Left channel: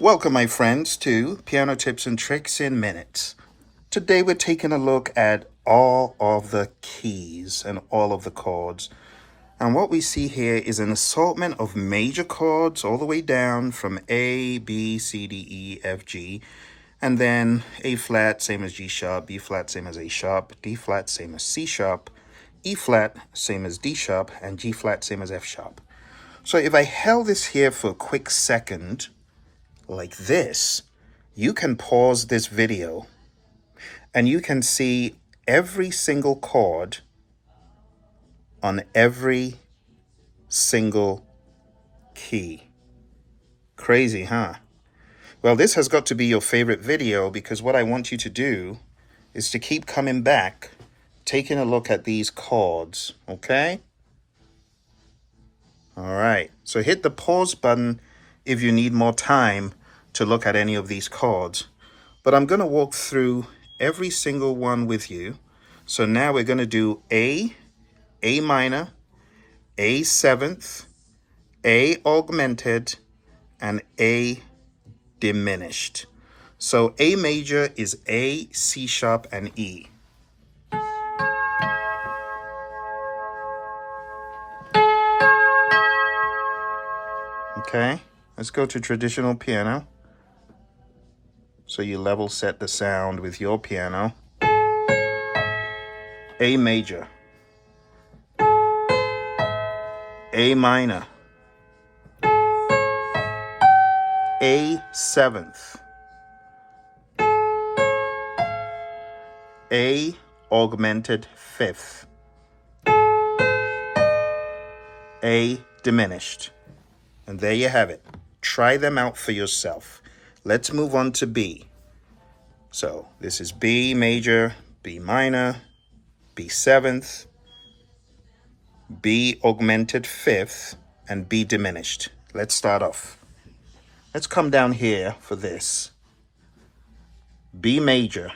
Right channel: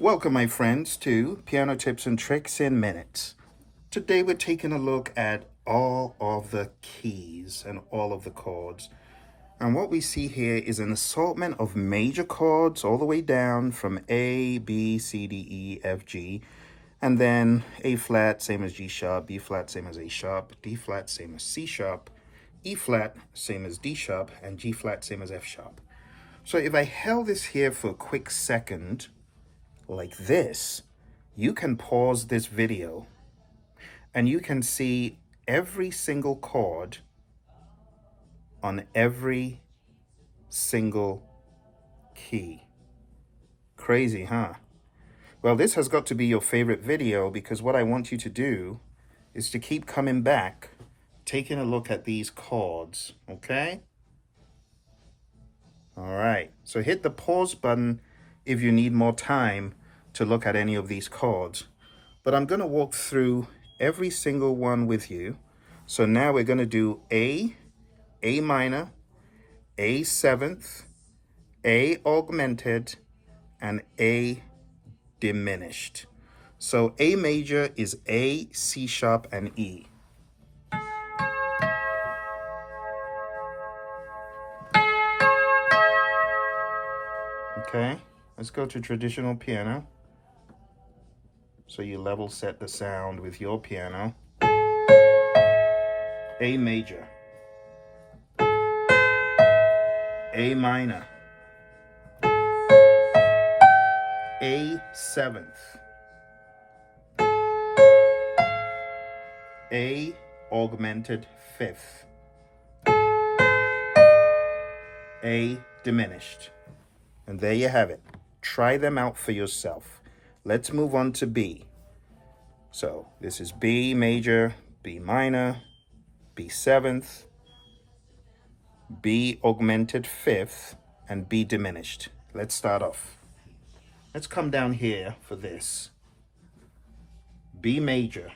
Welcome, my friends, to Piano Tips and Tricks in Minutes. Today we're taking a look at all of the keys and all of the chords. And what we see here is an assortment of major chords all the way down from A, B, C, D, E, F, G, and then A flat, same as G sharp, B flat, same as A sharp, D flat, same as C sharp, E flat, same as D sharp, and G flat, same as F sharp. So if I held this here for a quick second, like this, you can pause this video and you can see every single chord on every single key. Crazy, huh? Well, this has got to be your favorite video because what I want you to do is to keep coming back, taking a look at these chords, okay? All right, so hit the pause button if you need more time to look at any of these chords. But I'm going to walk through every single one with you. So now we're going to do A minor, A seventh, A augmented, and A diminished. So A major is A, C sharp, and E. Okay, let's go to traditional piano. So you level set the sound with your piano. A major, A minor, A seventh, A augmented fifth, A diminished. And there you have it. Try them out for yourself. Let's move on to B. So this is B major, B minor, B seventh, B augmented fifth, and B diminished. Let's start off. Let's come down here for this. B major.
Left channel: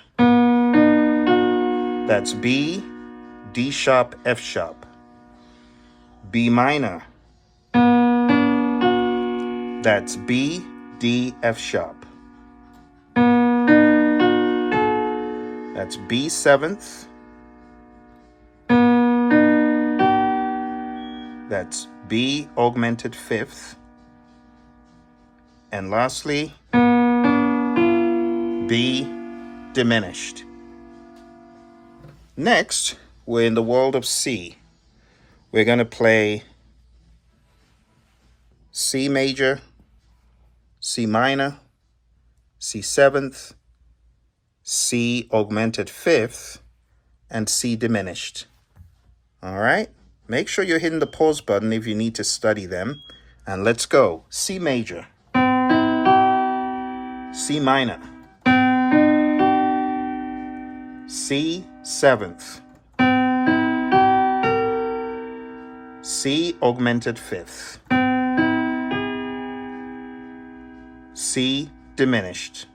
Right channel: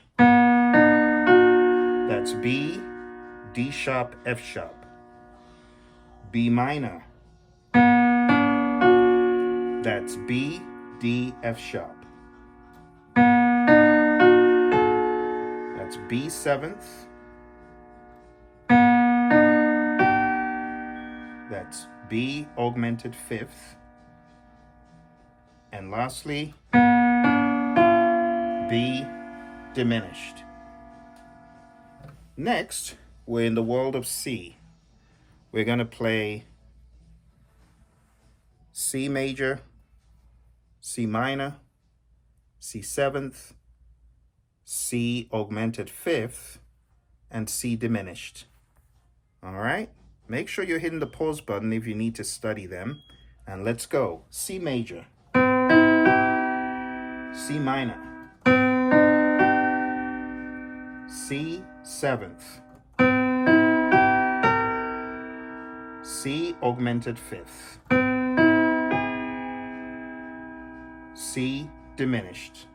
That's B, D sharp, F sharp. B minor. That's B, D, F sharp. That's B seventh. That's B augmented fifth. And lastly, B diminished. Next, we're in the world of C. We're going to play C major, C minor, C seventh, C augmented fifth, and C diminished. All right, make sure you're hitting the pause button if you need to study them. And let's go. C major, C minor, C seventh, C augmented fifth, C diminished.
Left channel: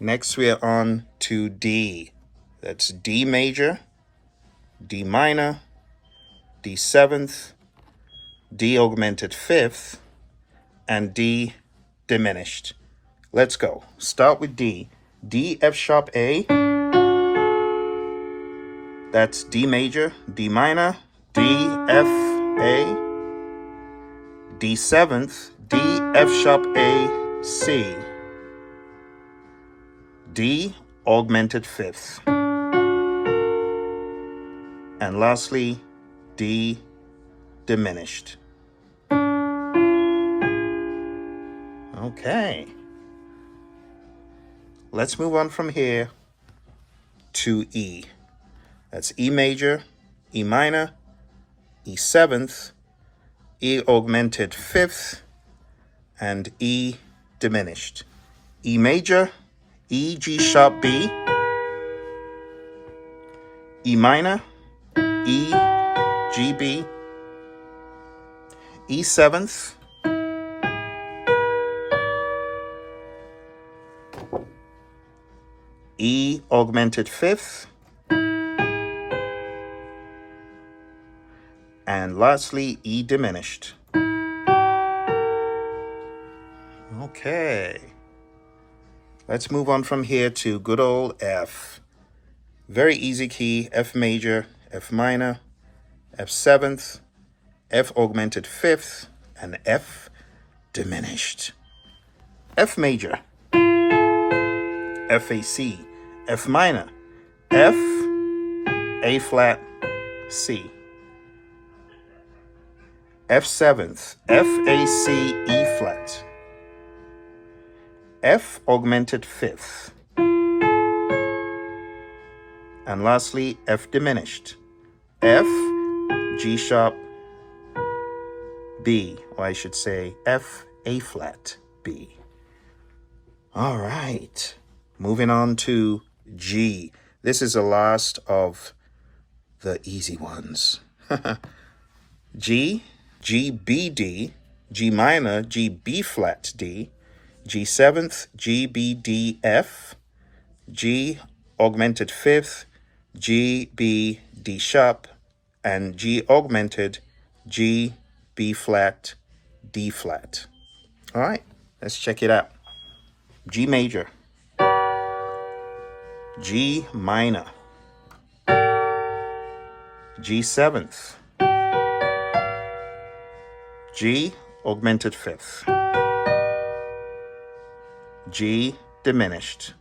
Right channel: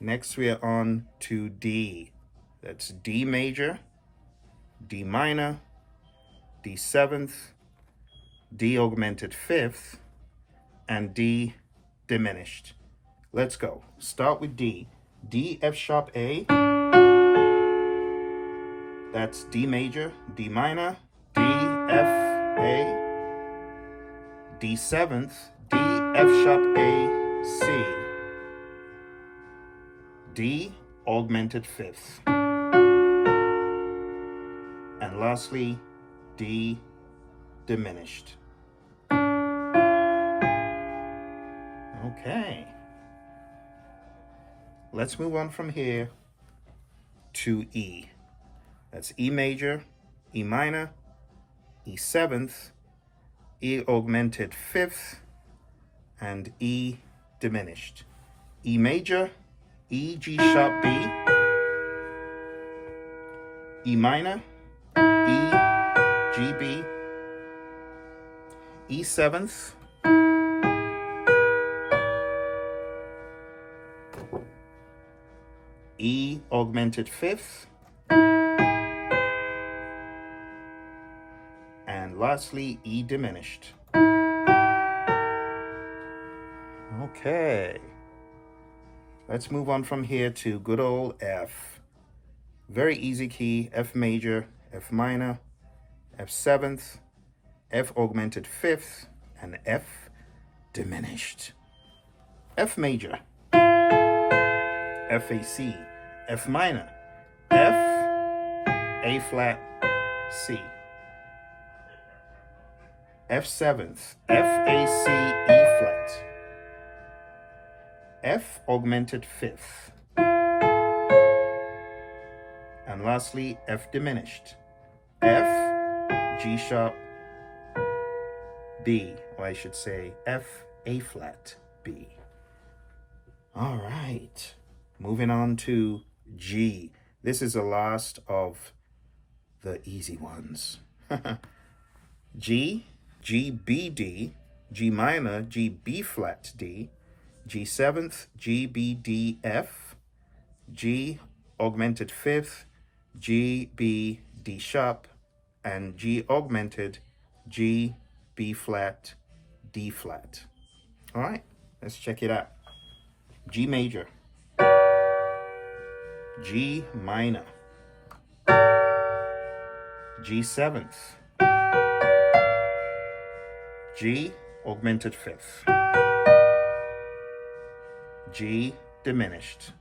Next we are on to D. That's D major, D minor, D seventh, D augmented fifth, and D diminished. Let's go. Start with D. D, F sharp, A. That's D major, D minor, D, F, A. D seventh, D, F sharp, A, C. D augmented fifth. And lastly, D diminished. Okay. Let's move on from here to E. That's E major, E minor, E seventh, E augmented fifth, and E diminished. E major, E, G sharp, B. E minor, E, G, B. E seventh, E augmented fifth, and lastly E diminished. Okay. Let's move on from here to good old F. Very easy key, F major, F minor, F seventh, F augmented fifth, and F diminished. F major, F A C, F minor, F, A flat, C. F seventh, F A C, E flat, F augmented fifth, and lastly F diminished, F, G sharp, B, or I should say F, A flat, B. All right, moving on to G. This is the last of the easy ones. G, G, B, D, G minor, G, B flat, D, G seventh, G, B, D, F, G augmented fifth, G, B, D sharp, and G augmented, G, B flat, D flat. All right, let's check it out. G major, G minor, G seventh, G augmented fifth, G diminished.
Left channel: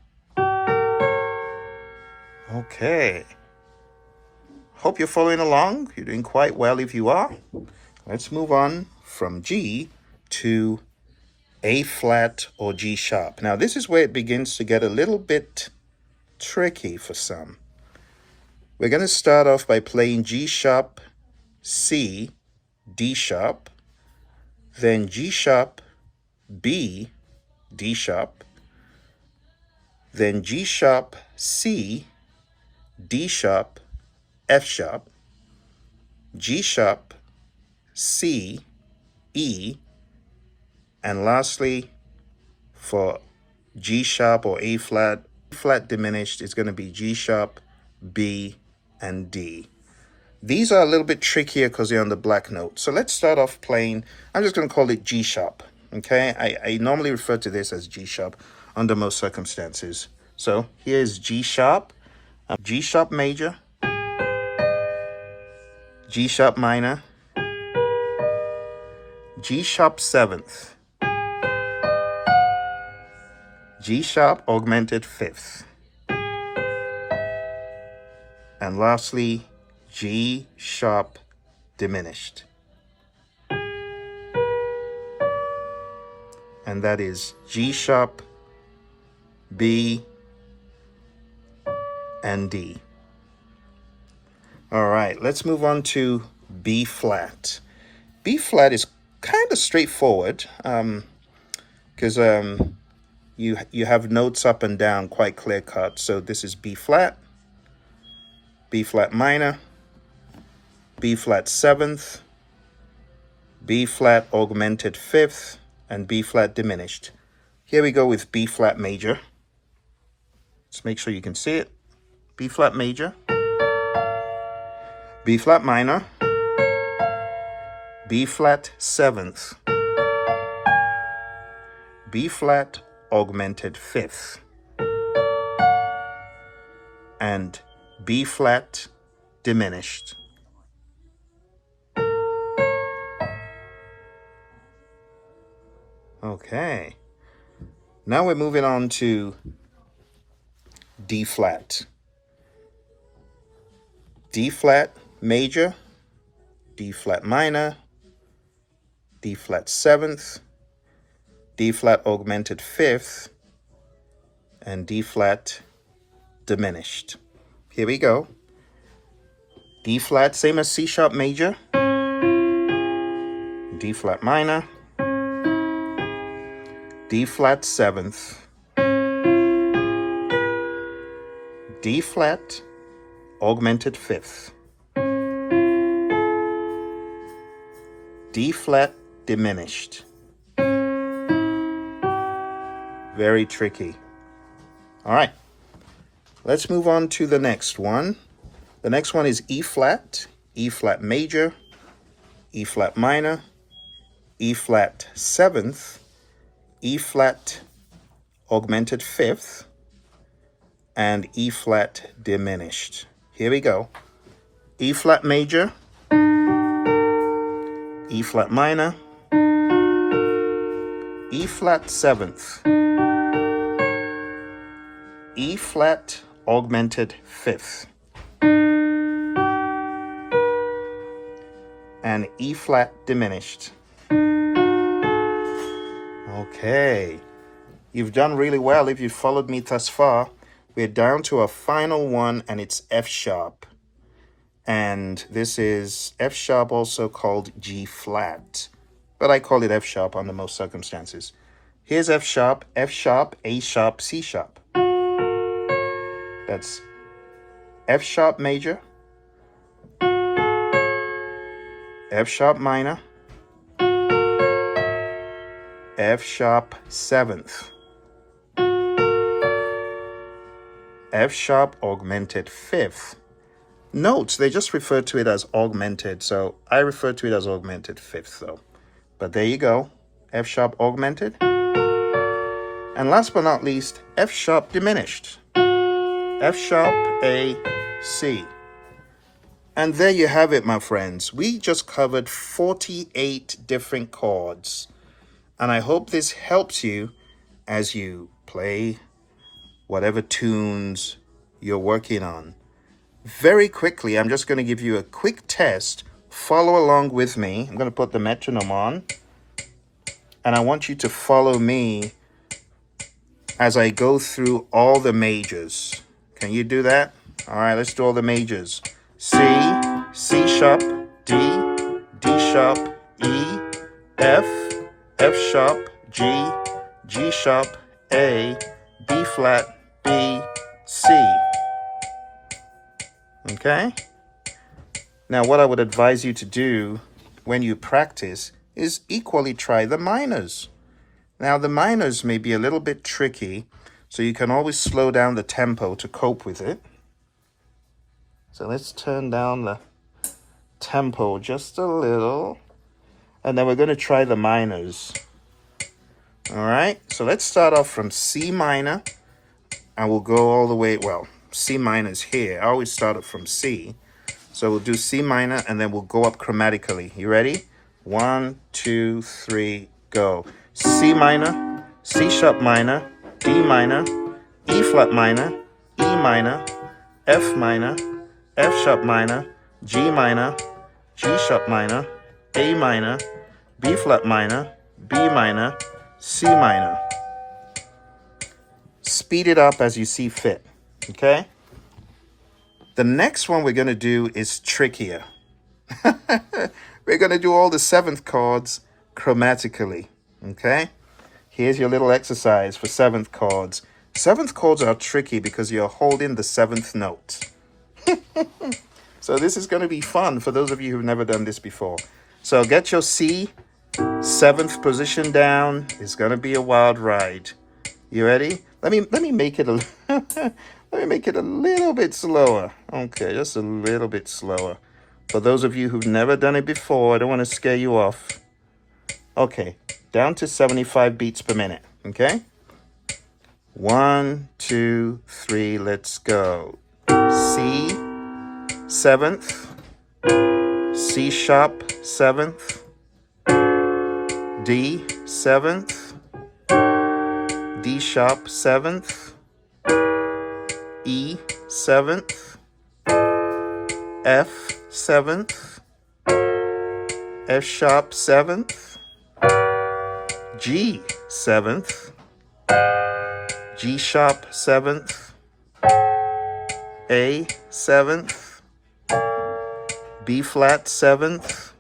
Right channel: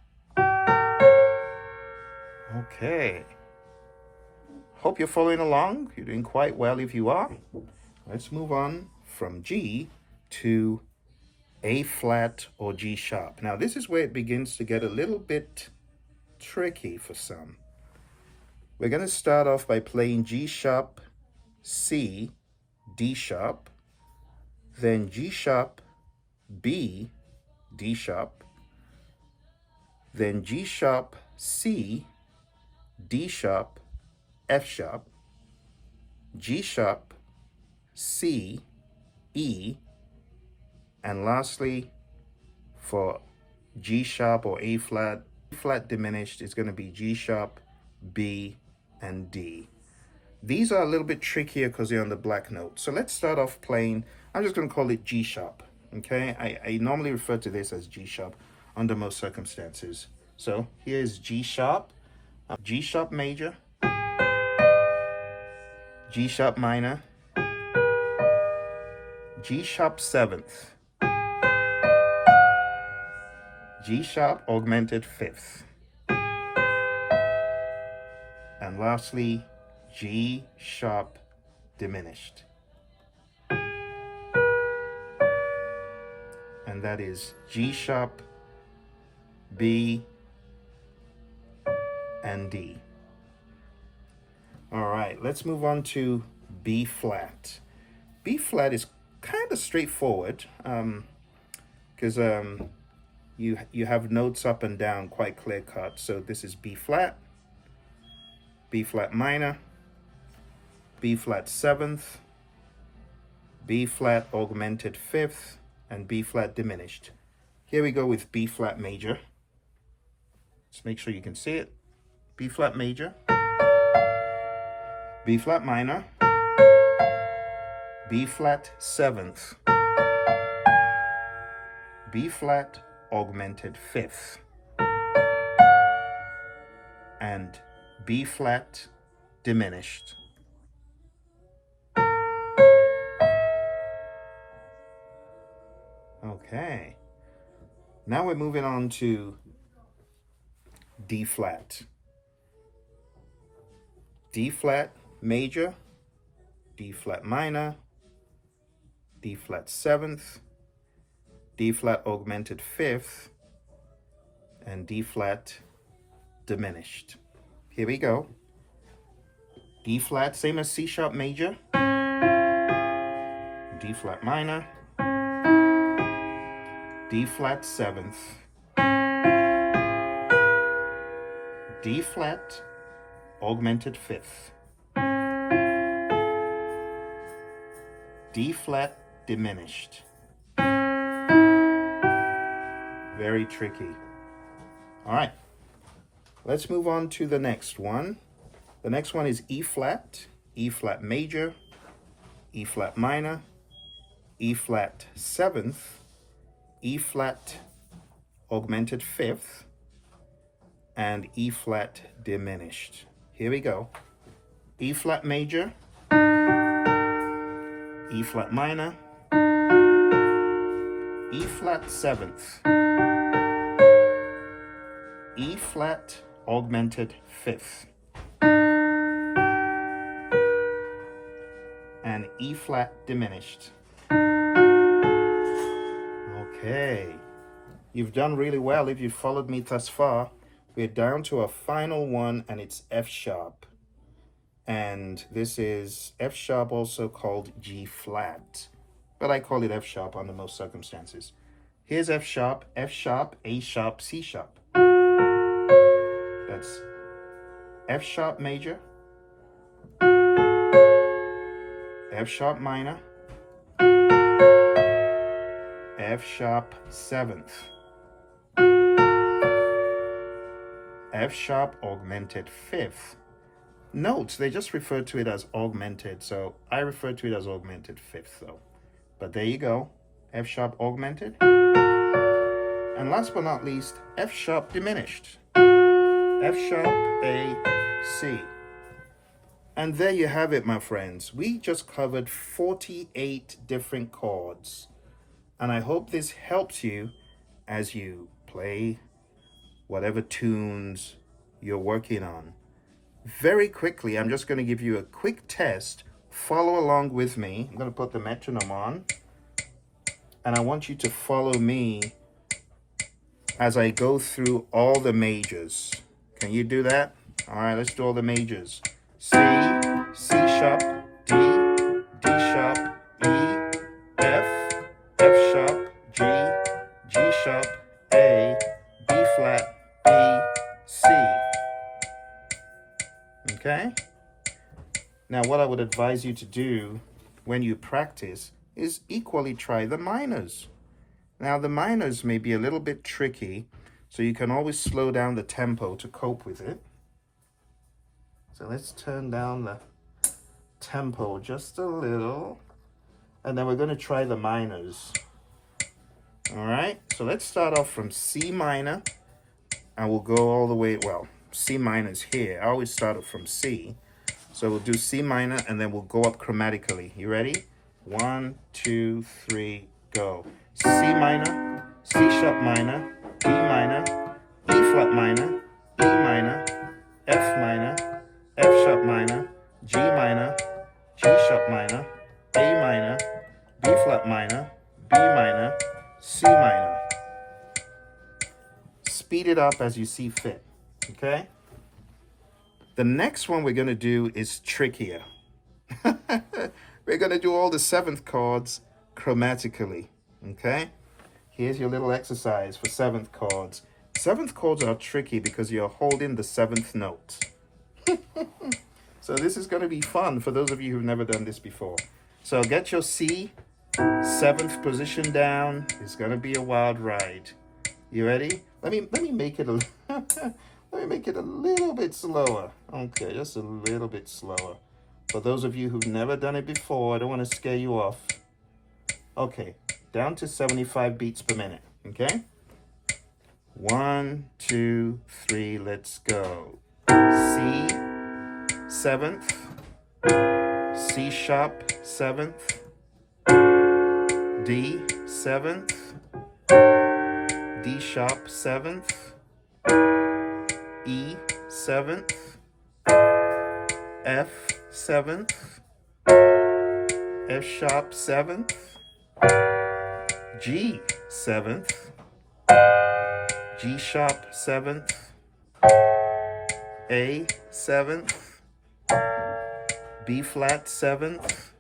Okay. Hope you're following along. You're doing quite well if you are. Let's move on from G to A flat or G sharp. Now this is where it begins to get a little bit tricky for some. We're going to start off by playing G sharp, C, D sharp, then G sharp, B, D sharp, then G sharp, C, D sharp, F sharp, G sharp, C, E, and lastly for G sharp or A flat, flat diminished is going to be G sharp, B, and D. These are a little bit trickier because they're on the black note. So let's start off playing, I'm just going to call it G sharp. Okay, I normally refer to this as G sharp under most circumstances. So here's G sharp, G sharp major, G sharp minor, G sharp seventh, G sharp augmented fifth, and lastly G sharp diminished. And that is G sharp, B, and D. All right, let's move on to B flat. B flat is kind of straightforward because you have notes up and down quite clear cut. So this is B flat minor, B flat seventh, B flat augmented fifth, and B flat diminished. Here we go with B flat major. Let's make sure you can see it. B flat major, B flat minor, B flat seventh, B flat augmented fifth, and B flat diminished. Okay, now we're moving on to D flat. D flat major, D flat minor, D flat seventh, D flat augmented fifth, and D flat diminished. Here we go. D flat, same as C sharp major, D flat minor, D flat seventh, D flat augmented fifth, D flat diminished. Very tricky. All right, let's move on to the next one. The next one is E flat major, E flat minor, E flat seventh, E flat augmented fifth, and E flat diminished. Here we go. E flat major, E flat minor, E flat seventh, E flat augmented fifth, and E flat diminished. Okay, you've done really well if you've followed me thus far. We're down to a final one, and it's F sharp. And this is F sharp, also called G flat, but I call it F sharp under most circumstances. Here's F sharp, A sharp, C sharp. That's F sharp major, F sharp minor, F sharp seventh, F sharp augmented fifth. Note, they just refer to it as augmented, so I refer to it as augmented fifth though. But there you go, F sharp augmented. And last but not least, F sharp diminished. F sharp, A, C. And there you have it, my friends. We just covered 48 different chords. And I hope this helps you as you play whatever tunes you're working on. Very quickly, I'm just going to give you a quick test. Follow along with me. I'm going to put the metronome on. And I want you to follow me as I go through all the majors. Can you do that? All right, let's do all the majors. C, C sharp, D, D sharp, E, F, F sharp, G, G sharp, A, B flat, B, C. Okay? Now, what I would advise you to do when you practice is equally try the minors. Now, the minors may be a little bit tricky, so you can always slow down the tempo to cope with it. So let's turn down the tempo just a little, and then we're going to try the minors. All right, so let's start off from C minor, and we'll go all the way, well, C minor is here. I always start it from C. So we'll do C minor, and then we'll go up chromatically. You ready? 1, 2, 3, go. C minor, C sharp minor, D minor, E flat minor, E minor, F minor, F sharp minor, G minor, G sharp minor, A minor, B flat minor, B minor, C minor. Speed it up as you see fit, okay? The next one we're going to do is trickier. We're going to do all the seventh chords chromatically, okay? Here's your little exercise for seventh chords. Seventh chords are tricky because you're holding the seventh note. So this is going to be fun for those of you who've never done this before. So get your C, seventh position down. It's going to be a wild ride. You ready? Let me make it a let me make it a little bit slower. Okay, just a little bit slower. For those of you who've never done it before, I don't want to scare you off. Okay, down to 75 beats per minute. Okay? 1, 2, 3, let's go. C, seventh, C sharp, seventh, D, seventh, D sharp, seventh, E, seventh, F, seventh, F sharp, seventh, G, seventh, G sharp, seventh, A, seventh, B flat, seventh,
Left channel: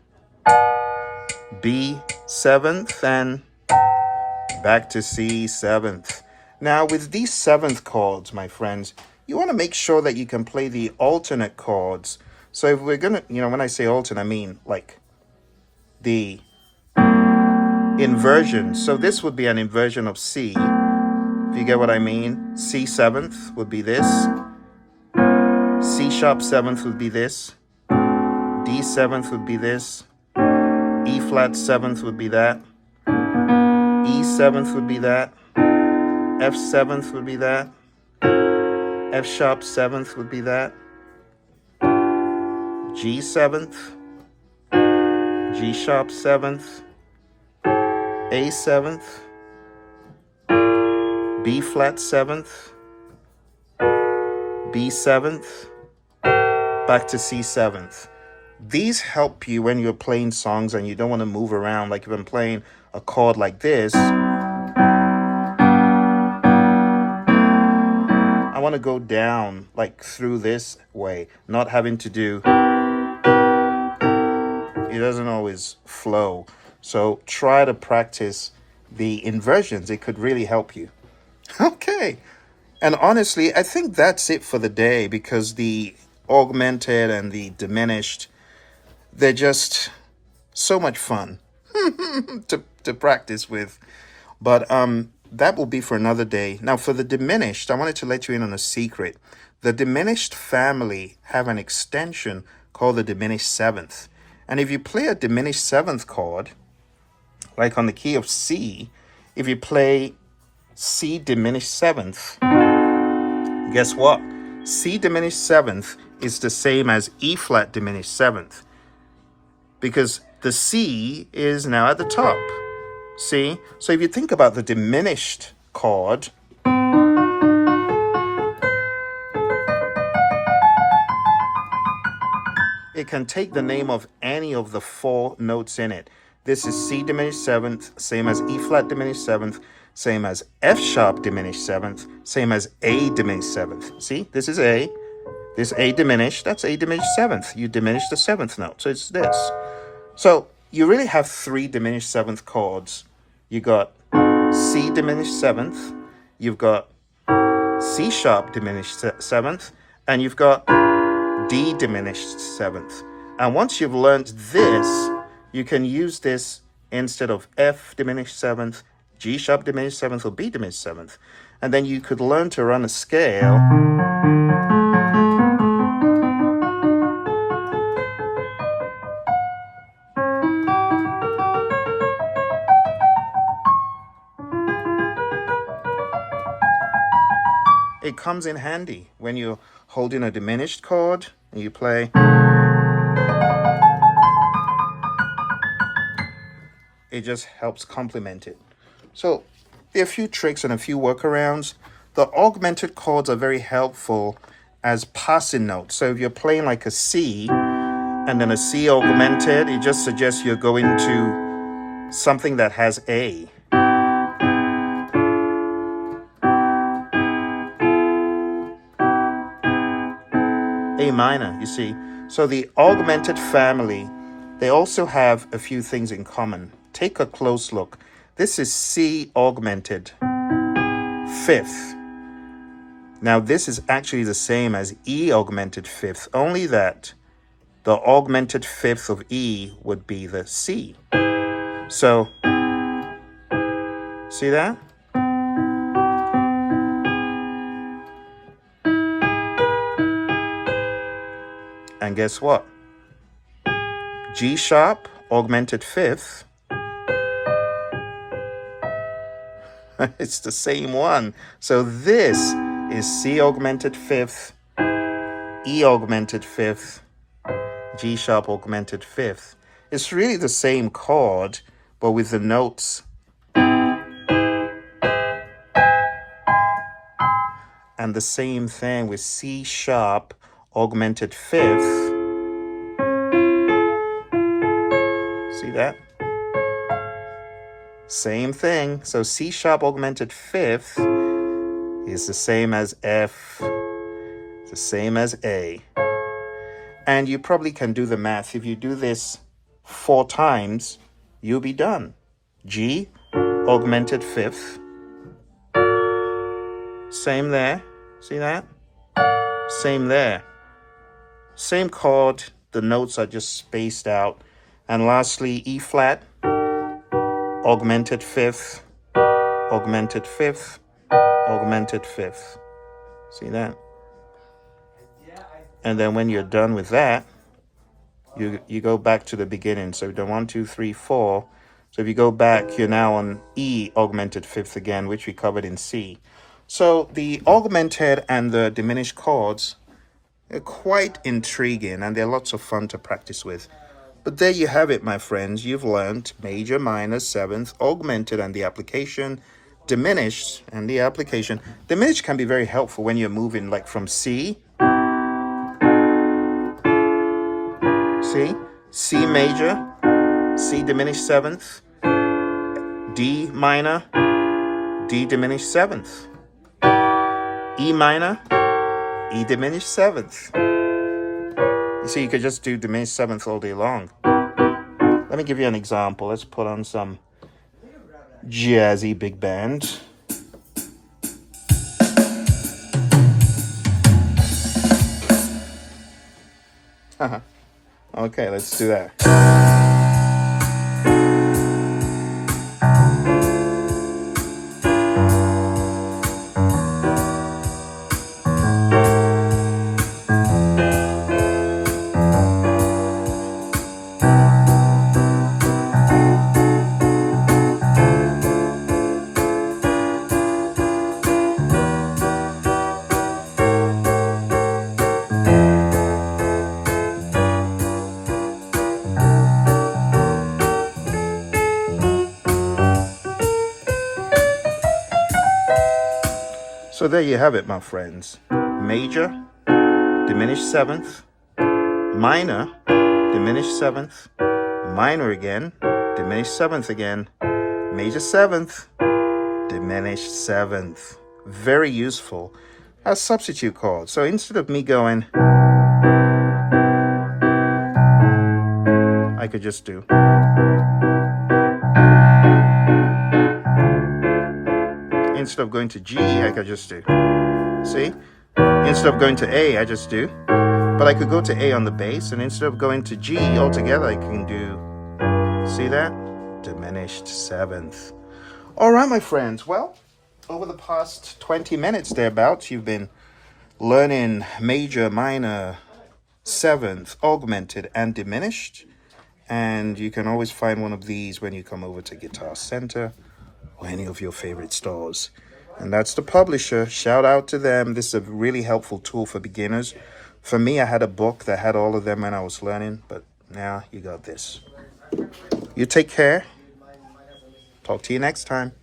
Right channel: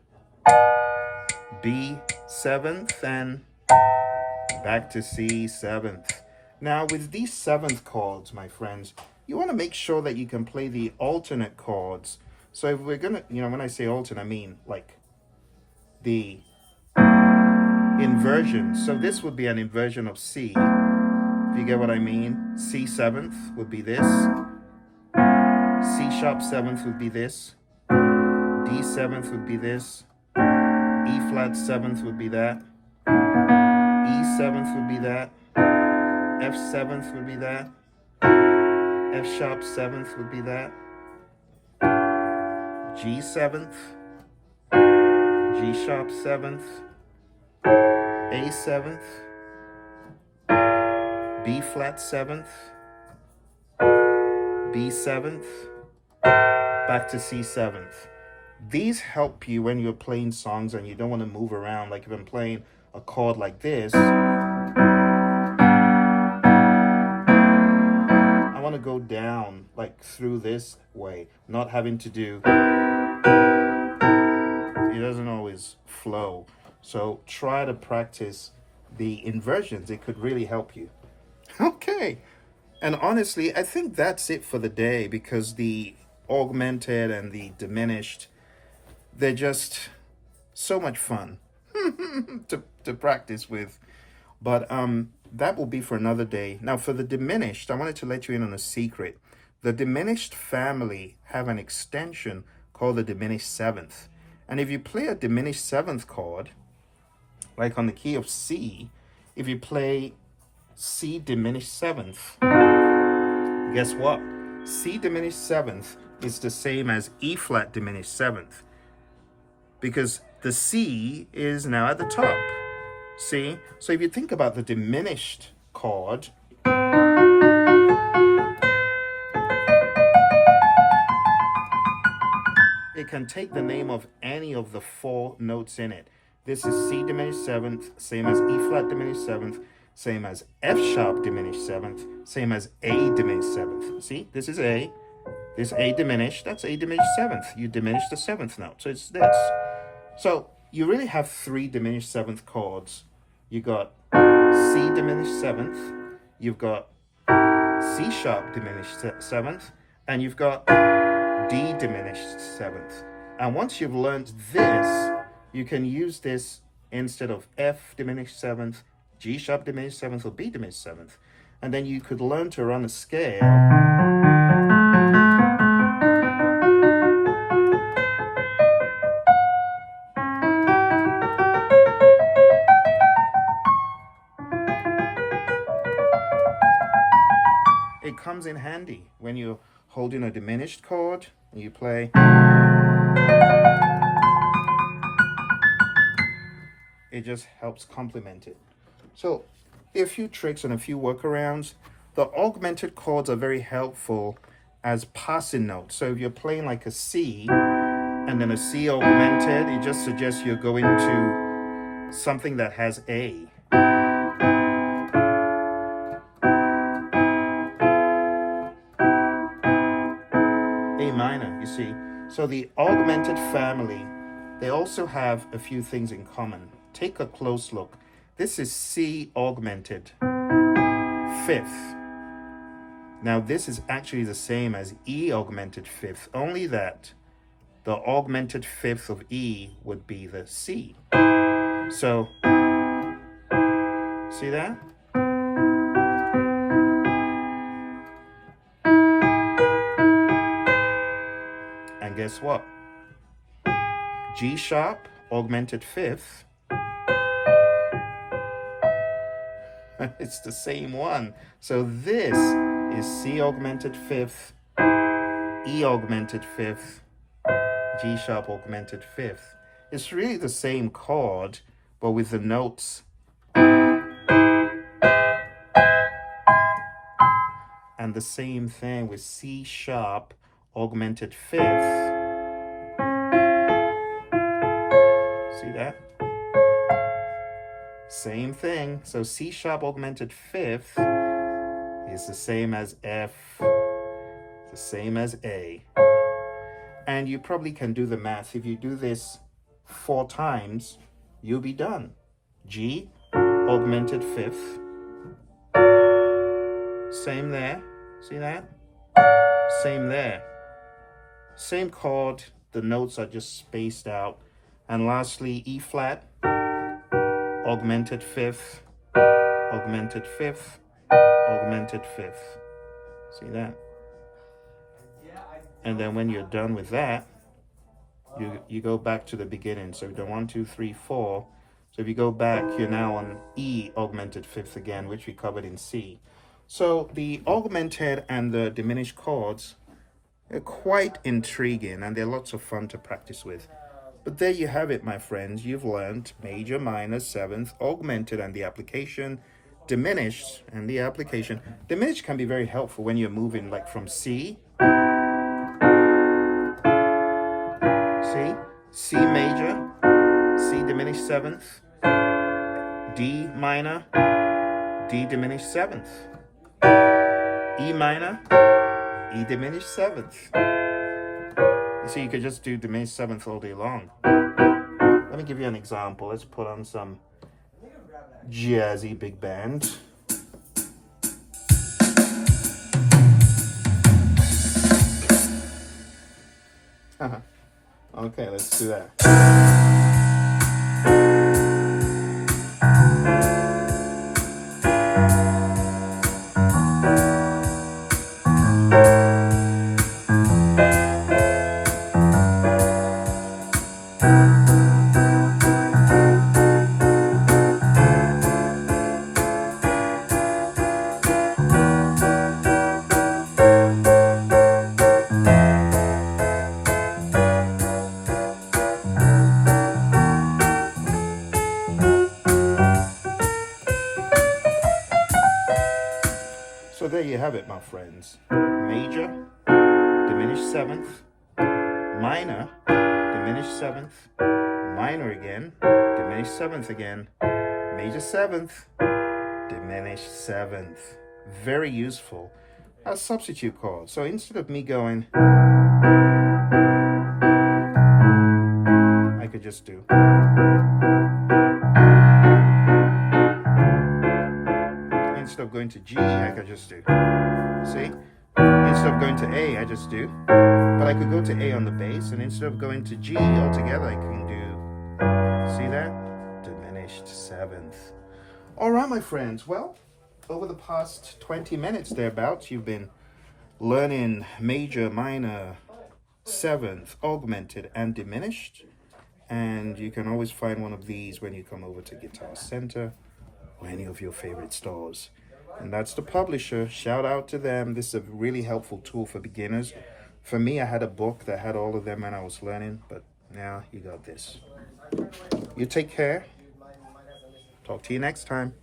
B, seventh, and back to C, seventh. Now, with these seventh chords, my friends, you want to make sure that you can play the alternate chords. So if we're going to, when I say alternate, I mean like the inversion. So this would be an inversion of C. If you get what I mean, C seventh would be this. C sharp seventh would be this. D seventh would be this. E flat seventh would be that. E 7th would be that. F 7th would be that. F sharp 7th would be that. G 7th. G sharp 7th. A 7th. B flat 7th. B 7th. Back to C 7th. These help you when you're playing songs and you don't want to move around. Like if I'm playing a chord like this, I want to go down like through this way, not having to do, it doesn't always flow. So try to practice the inversions. It could really help you. Okay. And honestly, I think that's it for the day, because the augmented and the diminished, they're just so much fun to practice with. But that will be for another day. Now for the diminished, I wanted to let you in on a secret. The diminished family have an extension called the diminished 7th. And if you play a diminished 7th chord, like on the key of C, if you play C diminished 7th, guess what? C diminished 7th is the same as E flat diminished 7th, because the C is now at the top. See? So if you think about the diminished chord, it can take the name of any of the 4 notes in it. This is C diminished 7th, same as E flat diminished 7th, same as F sharp diminished 7th, same as A diminished 7th. See, this is A. This A diminished, that's A diminished 7th. You diminish the 7th note, so it's this. So you really have 3 diminished 7th chords. You got C diminished 7th, you've got C sharp diminished 7th, and you've got D diminished 7th. And once you've learned this, you can use this instead of F diminished 7th, G sharp diminished 7th, or B diminished 7th. And then you could learn to run a scale it comes in handy when you're holding a diminished chord and you play. It just helps complement it. So there are a few tricks and a few workarounds. The augmented chords are very helpful as passing notes. So if you're playing like a C and then a C augmented, it just suggests you're going to something that has A. A minor, you see. So the augmented family, they also have a few things in common. Take a close look. This is C augmented 5th. Now this is actually the same as E augmented 5th, only that the augmented 5th of E would be the C. So, see that? And guess what? G sharp augmented 5th, it's the same one. So this is C augmented 5th, E augmented 5th, G sharp augmented 5th. It's really the same chord, but with the notes. And the same thing with C sharp augmented 5th. See that? Same thing. So C sharp augmented 5th is the same as F, the same as A. And you probably can do the math. If you do this 4 times, you'll be done. G augmented 5th. Same there. See that? Same there. Same chord. The notes are just spaced out. And lastly, E flat, augmented 5th, augmented 5th, augmented 5th. See that? And then when you're done with that, you go back to the beginning. So the 1, 2, 3, 4, So if you go back, you're now on E augmented fifth again, which we covered in C. So the augmented and the diminished chords are quite intriguing, and they're lots of fun to practice with. But there you have it, my friends. You've learned major, minor, seventh, augmented and the application, diminished and the application. Diminished can be very helpful when you're moving like from C, C major, C diminished seventh, D minor, D diminished seventh, E minor, E diminished seventh. You see, you could just do diminished seventh all day long. Let me give you an example. Let's put on some jazzy big band. Okay, let's do that. So there you have it, my friends. Major, diminished seventh, minor, diminished seventh, minor again, diminished seventh again, major seventh, diminished seventh. Very useful as substitute chords. So instead of me going, I could just do. Instead of going to G, I could just do. See? Instead of going to A, I just do. But I could go to A on the bass, and instead of going to G altogether, I can do, see that? Diminished seventh. All right, my friends. Well, over the past 20 minutes thereabouts, you've been learning major, minor, seventh, augmented, and diminished. And you can always find one of these when you come over to Guitar Center or any of your favorite stores. And that's the publisher. Shout out to them. This is a really helpful tool for beginners. For me, I had a book that had all of them when I was learning, but now you got this. You take care. Talk to you next time.